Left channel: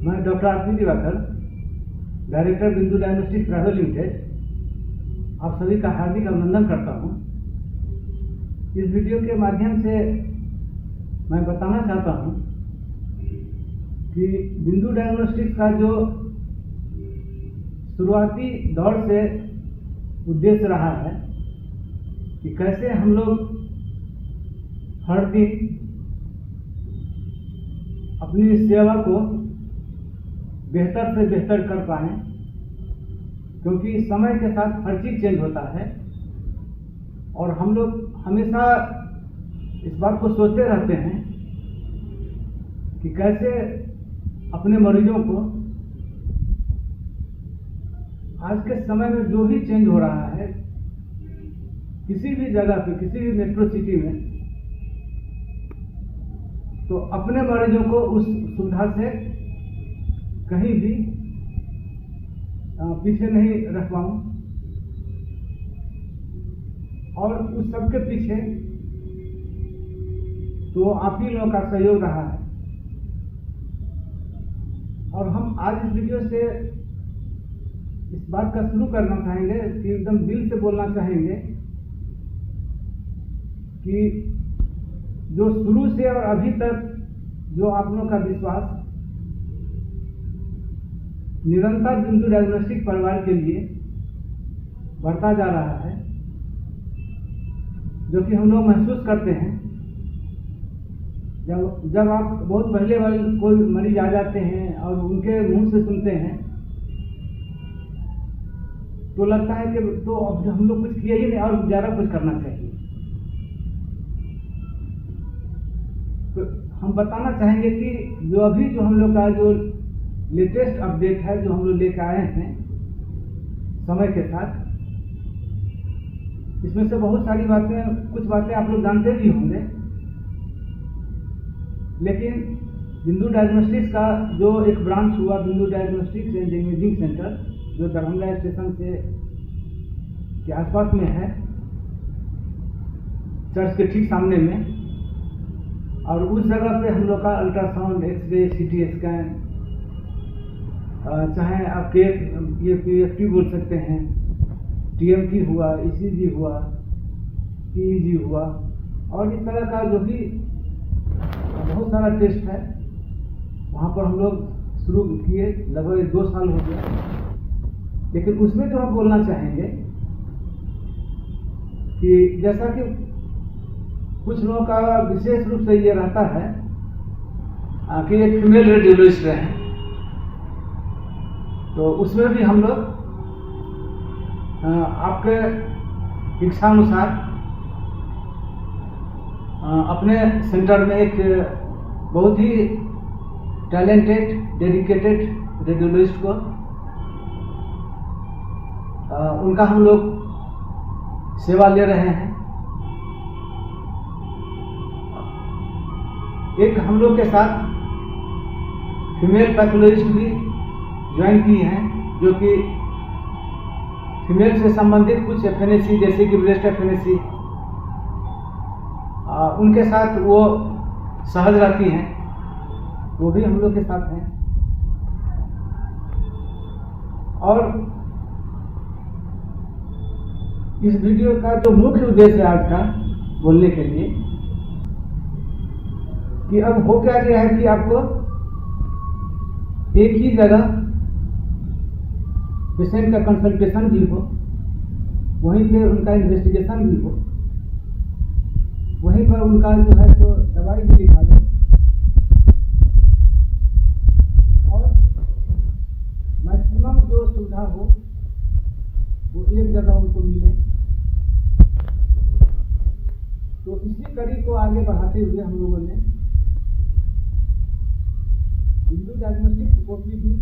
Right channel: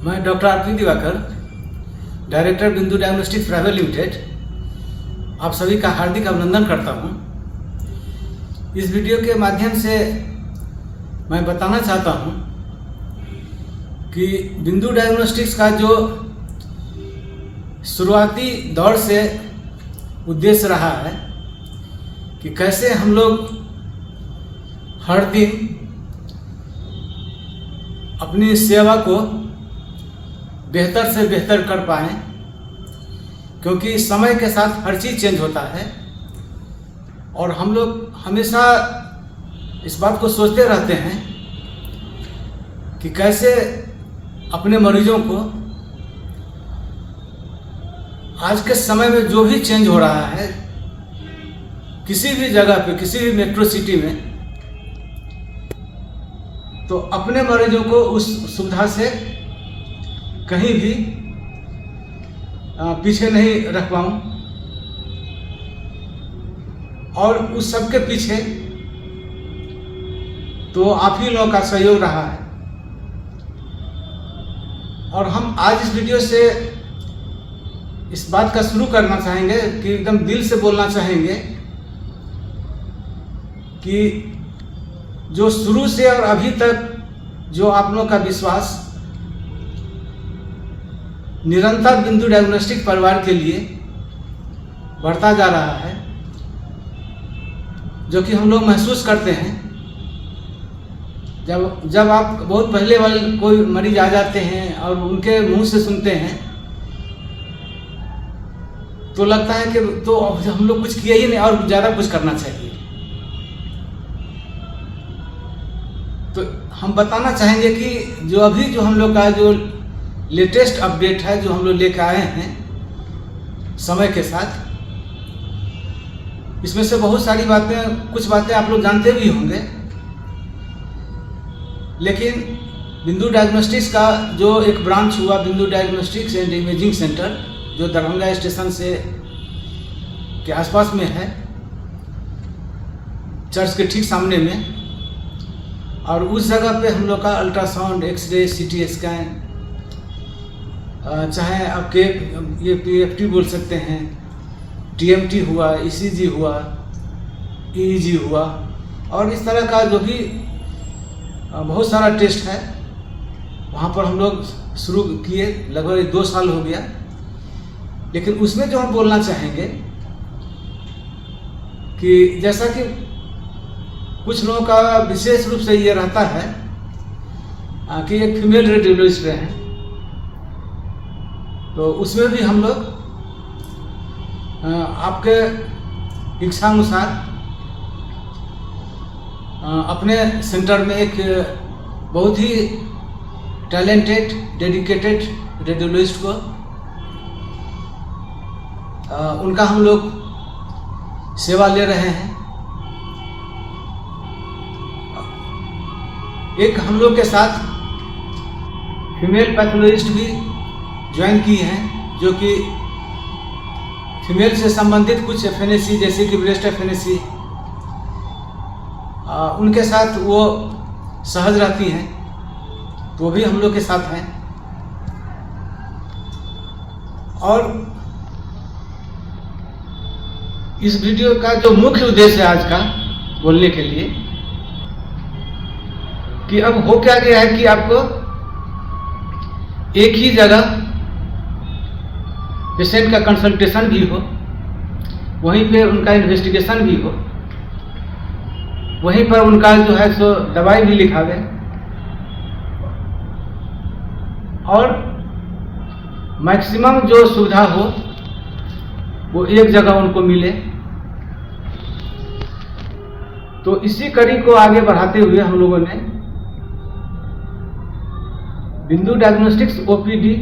मैं doctor RP Diwakar, director बिंदु diagnostics private limited, आप सभी का हार्दिक अभिनंदन करता हूं। इस वीडियो के माध्यम से मैं बताना चाहता हूं कि बिंदु डायग्नोस्टिक्स का जो शुरुआती दौर से उद्देश्य रहा है कि कैसे हम लोग हर दिन अपनी सेवा को बेहतर से बेहतर कर पाएं, क्योंकि समय के साथ हर चीज़ चेंज होता है और हम लोग हमेशा इस बात को सोचते रहते हैं कि कैसे अपने मरीजों को आज के समय में जो भी चेंज हो रहा है, किसी भी जगह पे, किसी भी मेट्रो सिटी में, तो अपने मरीजों को उस सुविधा से कहीं भी पीछे नहीं रख पाऊँ। और उस सब के पीछे तो आप ही लोगों का सहयोग रहा है। और हम आज इस वीडियो से इस बात का शुरू करना चाहेंगे कि एकदम दिल से बोलना चाहेंगे कि जो शुरू से और अभी तक जो आप लोगों का विश्वास निरंतर बिंदु डायग्नोस्टिक परिवार के लिए बढ़ता जा रहा है, जो कि हम लोग महसूस करते हैं जब आप बहुत पहले वाले कोई मरीज आ जाते हैं और उनके मुंह से सुनते हैं तो लगता है कि तो अब हम लोग कुछ किया ही नहीं और ज़्यादा कुछ करना चाहिए। तो हम बताना चाहेंगे कि जो अभी जो हम लोग का जो लेटेस्ट अपडेट है, जो हम लोग लेकर आए हैं समय के साथ, इसमें से बहुत सारी बातें, कुछ बातें आप लोग जानते भी होंगे, लेकिन बिंदु डायग्नोस्टिक्स का जो एक ब्रांच हुआ, बिंदु डायग्नोस्टिक्स एंड इमेजिंग सेंटर, जो दरभंगा स्टेशन से के आसपास में है, चर्च के ठीक सामने में, और उस जगह पे हम लोग का अल्ट्रासाउंड, एक्सरे, सीटी स्कैन, चाहे आपके ये पीएफटी बोल सकते हैं, टीएमटी हुआ, ईसीजी हुआ, ईईजी हुआ, और इस तरह का जो भी बहुत सारा टेस्ट है, वहाँ पर हम लोग शुरू किए, लगभग 2 साल हो गया। लेकिन उसमें जो हम बोलना चाहेंगे कि जैसा कि कुछ लोगों का विशेष रूप से ये रहता है कि एक फीमेल रेडियोलॉजिस्ट हैं, तो उसमें भी हम लोग आपके इच्छानुसार अपने सेंटर में एक बहुत ही टैलेंटेड, डेडिकेटेड रेडियोलॉजिस्ट को उनका हम लोग सेवा ले रहे हैं। एक हम लोग के साथ फीमेल पैथोलॉजिस्ट भी ज्वाइन की हैं, जो कि फीमेल से संबंधित कुछ एफएनएसी, जैसे कि ब्रेस्ट एफएनएसी, उनके साथ वो सहज रहती हैं, तो वो भी हम लोग के साथ हैं। और इस वीडियो का जो मुख्य उद्देश्य है आज का बोलने के लिए, कि अब हो क्या गया है कि आपको एक ही जगह पेशेंट का कंसल्टेशन भी हो, वहीं पे उनका इन्वेस्टिगेशन भी हो, वहीं पर उनका जो है सो दवाई भी लिखावे, और मैक्सिमम जो सुविधा हो वो एक जगह उनको मिले। तो इसी कड़ी को आगे बढ़ाते हुए हम लोगों ने बिंदु डायग्नोस्टिक्स ओपीडी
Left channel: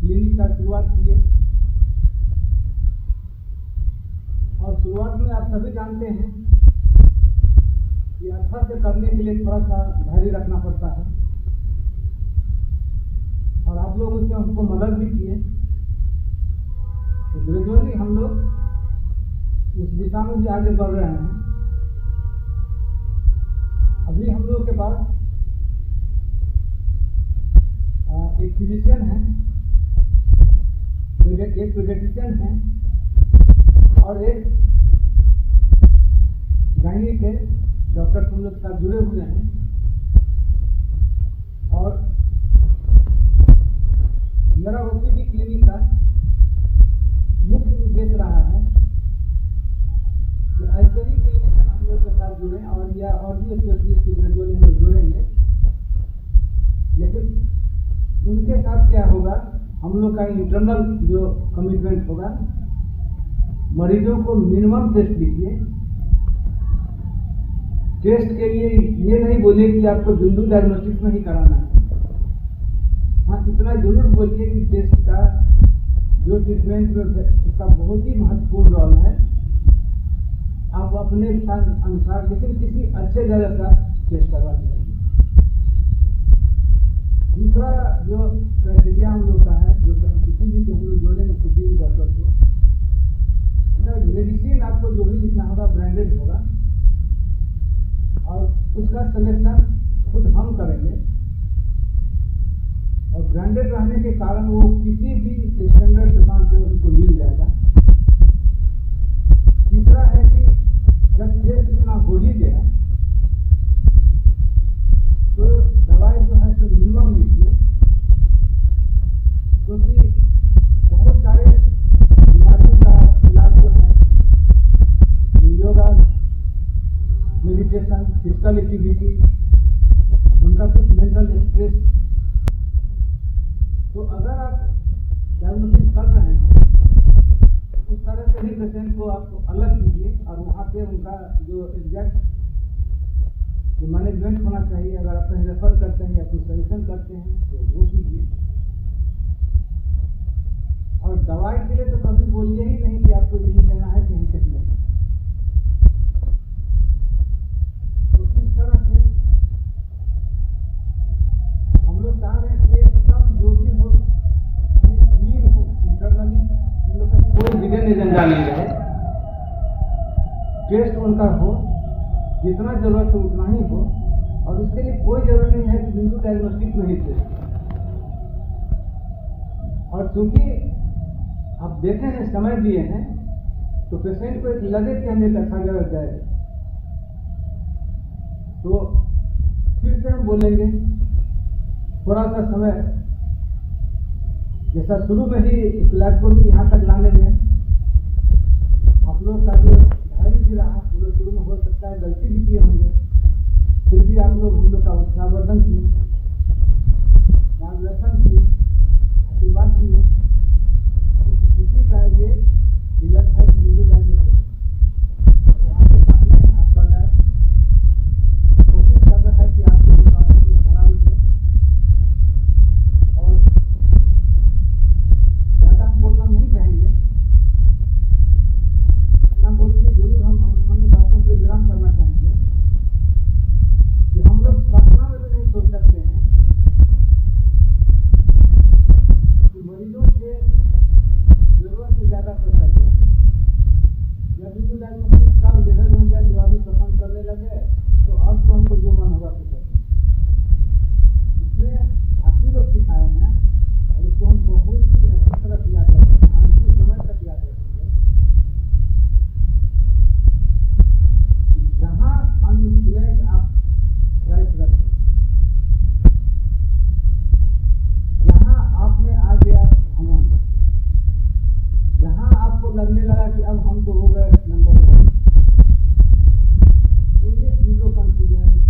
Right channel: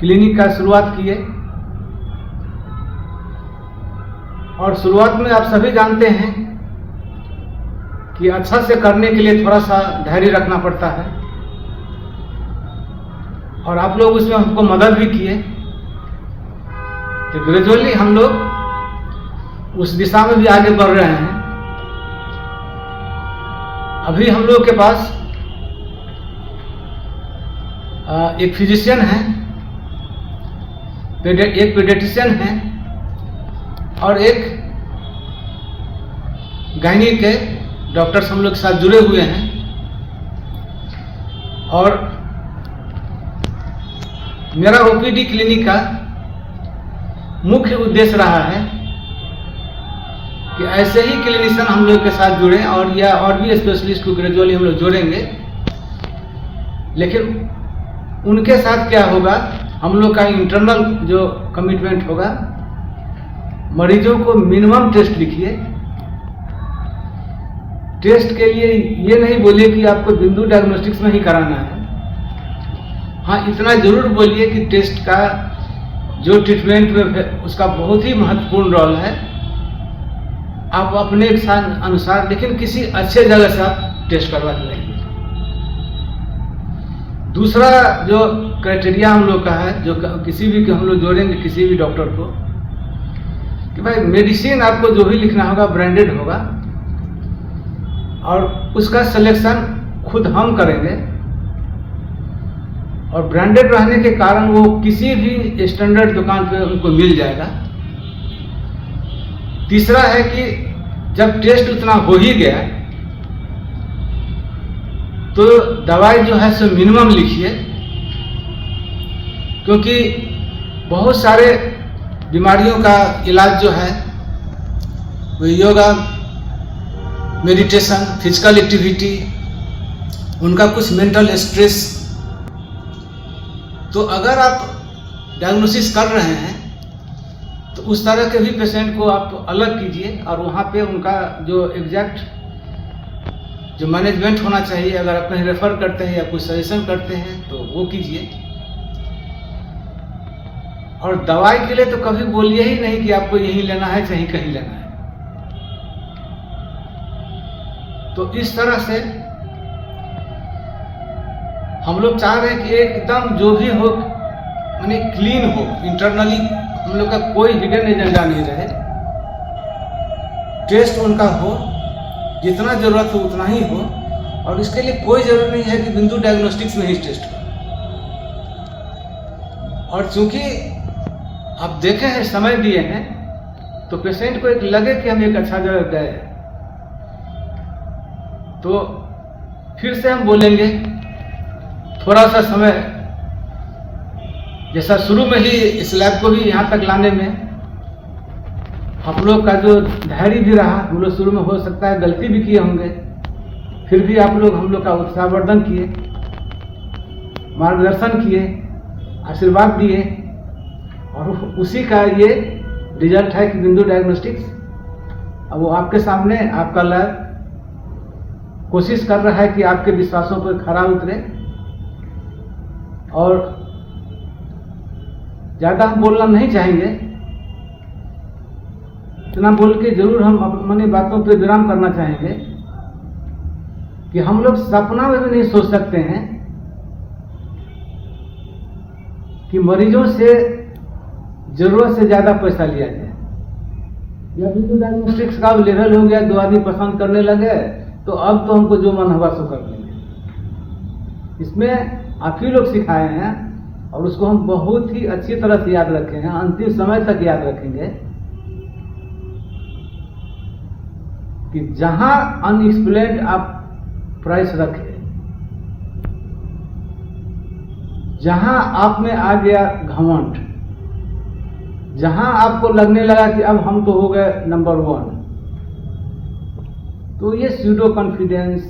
क्लिनिक का शुरुआत की है। और शुरुआत में आप सभी जानते हैं कि अच्छा से करने के लिए थोड़ा सा धैर्य रखना पड़ता है, और आप लोग उसमें हमको मदद भी किए। तो ग्रेजुअली हम लोग उस दिशा में भी आगे बढ़ रहे हैं। अभी हम लोग के पास एक फिजिशियन है, एक पीडियाट्रिशियन है और एक गायनी के डॉक्टर्स हम लोग के साथ जुड़े हुए हैं। और मेरा ओपीडी क्लिनिक का मुख्य उद्देश्य रहा है कि ऐसे ही क्लिनिशियन हम लोग के साथ जुड़े और भी स्पेशलिस्ट को ग्रेजुअली हम लोग जोड़ेंगे। लेकिन उनके साथ क्या होगा, हम लोग का इंटरनल जो कमिटमेंट होगा, मरीजों को मिनिमम टेस्ट लिखिए। टेस्ट के लिए ये नहीं बोलिए कि आपको बिंदु डायग्नोस्टिक्स में ही कराना है। हाँ, इतना जरूर बोलिए कि टेस्ट का जो ट्रीटमेंट में उसका बहुत ही महत्वपूर्ण रोल है। आप अपने अनुसार, लेकिन किसी अच्छे जगह से आप टेस्ट करवा के लाइए। दूसरा जो क्राइटेरिया हम लोग का है, जो किसी भी हम लोग जोड़ेंगे किसी भी डॉक्टर को, कि भाई मेडिसिन आपको जो भी लिखना होगा ब्रांडेड होगा और उसका सिलेक्शन खुद हम करेंगे। और ब्रांडेड रहने के कारण वो किसी भी स्टैंडर्ड दुकान पे उनको मिल जाएगा। तीसरा है कि जब टेस्ट उतना हो ही गया तो दवाई जो है सो मिनिमम लिखिए, क्योंकि बहुत सारे बीमारियों का इलाज जो है वो योगा, मेडिटेशन, फिजिकल एक्टिविटी, उनका कुछ मेंटल स्ट्रेस। तो अगर आप डायग्नोसिस कर रहे हैं तो उस तरह के भी पेशेंट को आप अलग कीजिए और वहाँ पे उनका जो एग्जैक्ट जो मैनेजमेंट होना चाहिए, अगर आप कहीं रेफर करते हैं या कुछ सजेशन करते हैं तो वो कीजिए। और दवाई के लिए तो कभी बोलिए ही नहीं कि आपको यही लेना है चाहे कहीं लेना है। तो इस तरह से हम लोग चाह रहे हैं कि एकदम जो भी हो माने क्लीन हो, इंटरनली हम लोग का कोई हिडन एजेंडा नहीं रहे। टेस्ट उनका हो, जितना जरूरत हो उतना ही हो, और इसके लिए कोई जरूरत नहीं है कि बिंदु डायग्नोस्टिक्स में ही टेस्ट हो। और चूंकि आप देखे हैं, समय दिए हैं, तो पेशेंट को एक लगे कि हम एक अच्छा जगह गए, तो फिर से हम बोलेंगे थोड़ा सा समय, जैसा शुरू में ही इस लैब को भी यहाँ तक लाने में आप लोग का जो धैर्य भी रहा, हम लोग शुरू में हो सकता है गलती भी किए होंगे, फिर भी आप लोग हम लोग का उत्साहवर्धन किए, मार्गदर्शन किए, आशीर्वाद दिए, और उसी का ये रिजल्ट है कि बिंदु डायग्नोस्टिक्स अब वो आपके सामने, आपका लैब कोशिश कर रहा है कि आपके विश्वासों पर खरा उतरे। और ज़्यादा हम बोलना नहीं चाहेंगे, इतना बोल के जरूर हम अपनी बातों पे विराम करना चाहेंगे कि हम लोग सपना में भी नहीं सोच सकते हैं कि मरीजों से जरूरत से ज़्यादा पैसा लिया जाए। या बिंदु डायग्नोस्टिक्स का लेवल हो गया, 2 आदमी पसंद करने लगे, तो अब तो हमको जो मन होगा सो कर लेंगे। इसमें आप ही लोग सिखाए हैं और उसको हम बहुत ही अच्छी तरह से याद रखे हैं, अंतिम समय तक याद रखेंगे कि जहां अनएक्सप्लेन्ड आप प्राइस रखे, जहां आप में आ गया घमंड, जहां आपको लगने लगा कि अब हम तो हो गए नंबर 1, तो ये स्यूडो कॉन्फिडेंस,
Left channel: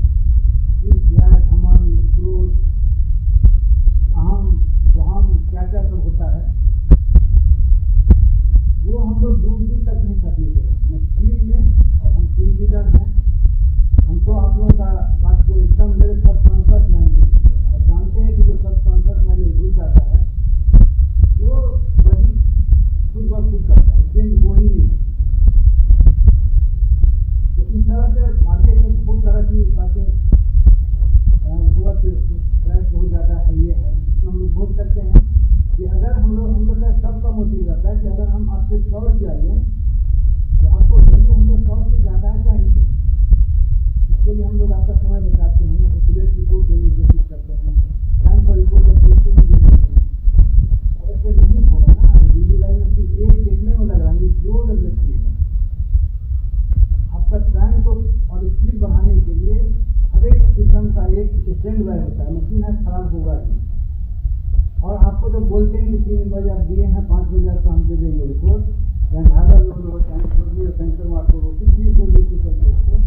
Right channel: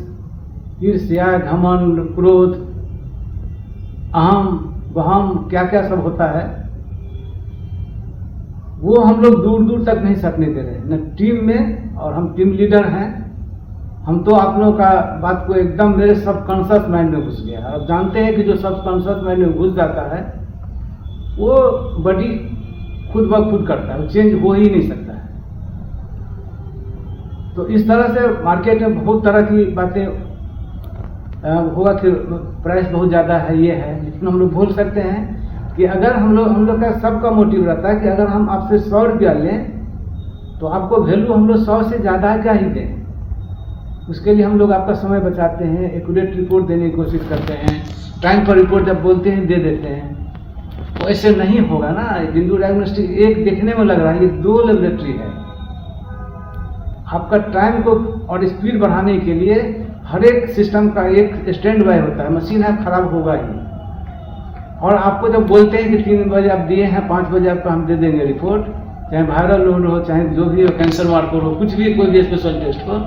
ईर्ष्या, घमंड, क्रोध, अहम, वहम, क्या क्या सब होता है, वो हम लोग दूर दूर तक नहीं सकने दे रहे न टीम में। और हम टीम लीडर हैं, हम तो आप लोगों का बात को एकदम मेरे सबकॉन्शियस माइंड में घुस गया। अब जानते हैं कि जो सबकॉन्शियस माइंड में घुस जाता है वो बॉडी खुद ब खुद करता है, वो चेंज हो ही नहीं सकता है। तो इस तरह से मार्केट में बहुत तरह की बातें होगा कि प्राइस बहुत ज़्यादा है, ये है, लेकिन हम लोग बोल सकते हैं कि अगर हम लोग का सबका मोटिव रहता है कि अगर हम आपसे 100 रुपया लें तो आपको वैल्यू हम लोग 100 से ज़्यादा क्या ही दें, उसके लिए हम लोग आपका समय बचाते हैं, एक्यूरेट रिपोर्ट देने की कोशिश करते हैं, टाइम पर रिपोर्ट जब बोलते हैं दे देते हैं। तो ऐसे नहीं होगा ना। जिंदू डायग्नोस्टिक एक देखने में लग रहा है, ये 2 लेबोरेटरी है। आपका टाइम को और स्पीड बढ़ाने के लिए हर एक सिस्टम का एक स्टैंड बाय होता है, मशीन है खराब होगा ही। और आपको जब बोलते हैं कि 3 बजे आप दिए हैं, 5 बजे आपको हम दे देंगे रिपोर्ट, चाहे वायरल लोड हो, चाहे जो भी हो, कैंसर मार्कर हो, कुछ भी, कोई भी स्पेशल टेस्ट हो,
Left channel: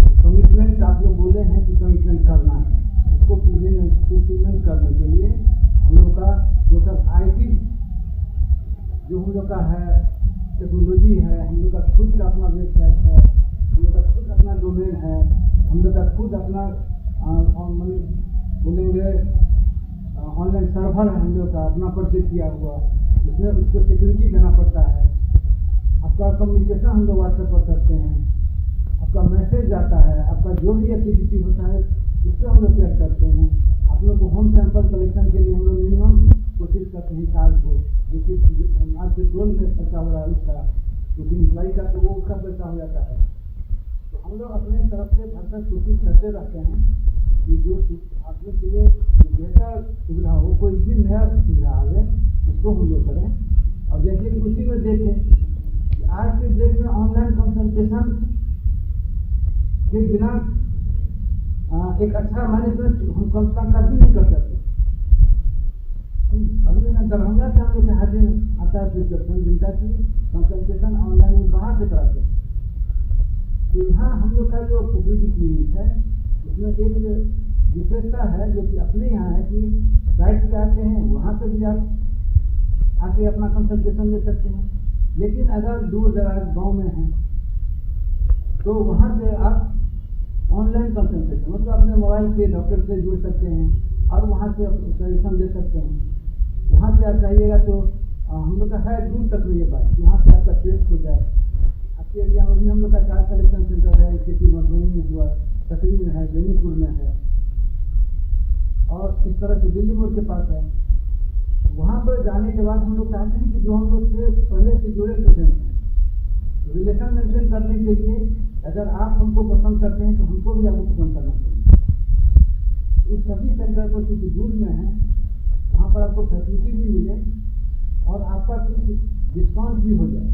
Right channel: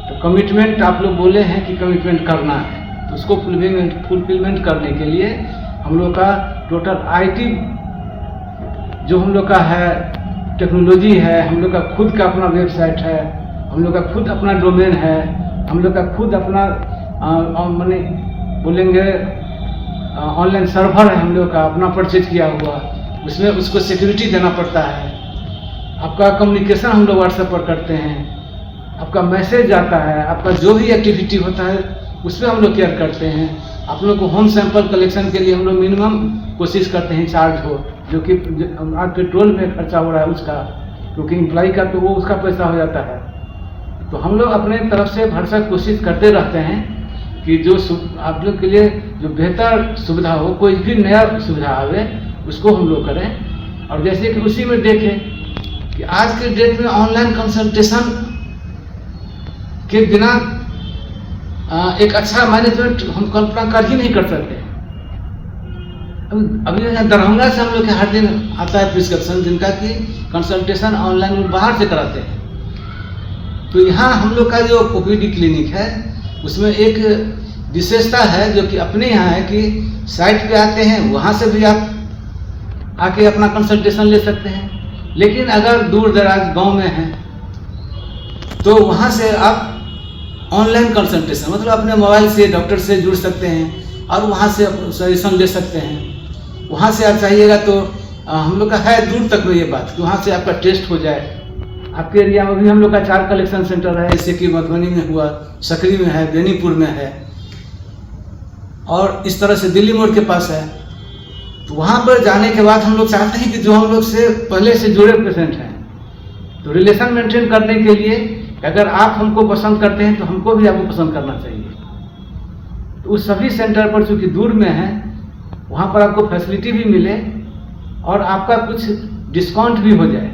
तो कमिटमेंट आप लोग बोले हैं कि कमिटमेंट करना है, तो उसको फुलफिलमेंट करने के लिए हम लोग का टोटल IT जो हम लोग का है, टेक्नोलॉजी है, हम लोग का खुद का अपना वेबसाइट है, हम लोग का खुद अपना डोमेन है, हम लोग का खुद अपना माने बोलेंगे ऑनलाइन सर्वर है, हम लोग का अपना परचेज किया हुआ, उसमें उसको सिक्योरिटी देना पड़ता है। आपका कम्युनिकेशन हम लोग व्हाट्सएप पर करते हैं, आपका मैसेज आता है, आपका जो भी एक्टिविटी होता है उसमें हम लोग केयर करते हैं। आप लोग को होम सैंपल कलेक्शन के लिए हम लोग मिनिमम कोशिश करते हैं चार्ज हो, जो कि आज पेट्रोल में खर्चा हो रहा है उसका, क्योंकि एम्प्लॉय का तो वो उसका पैसा हो जाता है। तो हम लोग अपने तरफ से भरसक कोशिश करते रहते हैं कि जो आप लोग के लिए जो बेहतर सुविधा हो, कोई भी नया सुविधा आवे उसको हम लोग करें। और जैसे कि उसी में देखें कि आज के डेट में ऑनलाइन कंसल्टेशन के बिना एक अच्छा मैनेजमेंट हम कल्पना कर ही नहीं कर सकते। अभी दरभंगा से हम लोग के हर दिन आता है प्रिस्क्रिप्शन, जिनका कि कंसल्टेशन ऑनलाइन में बाहर से कराते हैं। तो यहाँ हम लोग का जो OPD क्लिनिक है उसमें एक विशेषता है जो कि अपने यहाँ है कि साइट पे आते हैं, वहाँ से भी आप आके अपना कंसल्टेशन ले सकते हैं। लेकिन अगर दूर दराज गांव में हैं तो वहाँ से आप ऑनलाइन कंसल्टेशन मतलब अपने मोबाइल से डॉक्टर से जुड़ सकते हैं और वहाँ से सजेशन ले सकते हैं। वहाँ से आप चाहिएगा तो हम लोग का है दूर तक में ये बात कि वहाँ से आपका टेस्ट हो जाए। आपके एरिया में भी हम लोग का 4 कलेक्शन सेंटर है, जैसे कि मधुबनी में हुआ, सकरी में है, बेनीपुर में है, और इस तरह से दिल्ली मोड़ के पास है। तो वहाँ पर जाने के बाद हम लोग चाहते हैं कि जो हम लोग से पहले से जुड़े पेशेंट हैं, तो रिलेशन मेंटेन करने के लिए अगर आप हमको पसंद करते हैं तो हमको भी आपको पसंद करना चाहिए। तो उस सभी सेंटर पर चूँकि दूर में है, वहाँ पर आपको फैसिलिटी भी मिले और आपका कुछ डिस्काउंट भी हो जाए,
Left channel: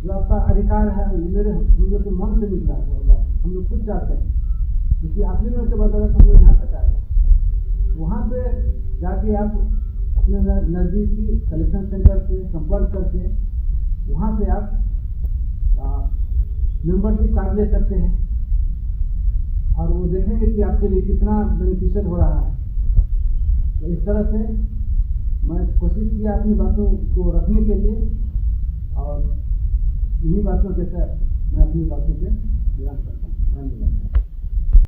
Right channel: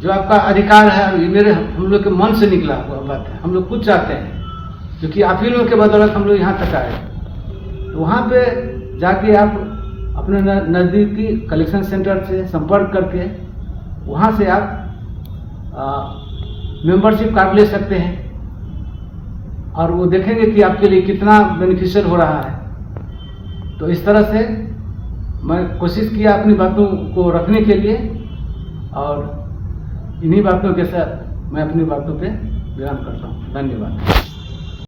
जो आपका अधिकार है। ये मेरे हम लोग के मन से निकला हुआ बात है, हम लोग खुद चाहते हैं, क्योंकि आप ही लोग के बदौलत हम लोग यहाँ तक आए। तो वहाँ पे जाके आप अपने नज़दीकी कलेक्शन सेंटर से संपर्क करके वहाँ से आप मेंबरशिप कार्ड ले सकते हैं और वो देखेंगे कि आपके लिए कितना बेनिफिशियल हो रहा है। तो इस तरह से मैं कोशिश किया अपनी बातों को रखने के लिए, और इन्हीं बातों के साथ मैं अपनी बातों पे विराम करता हूँ। धन्यवाद।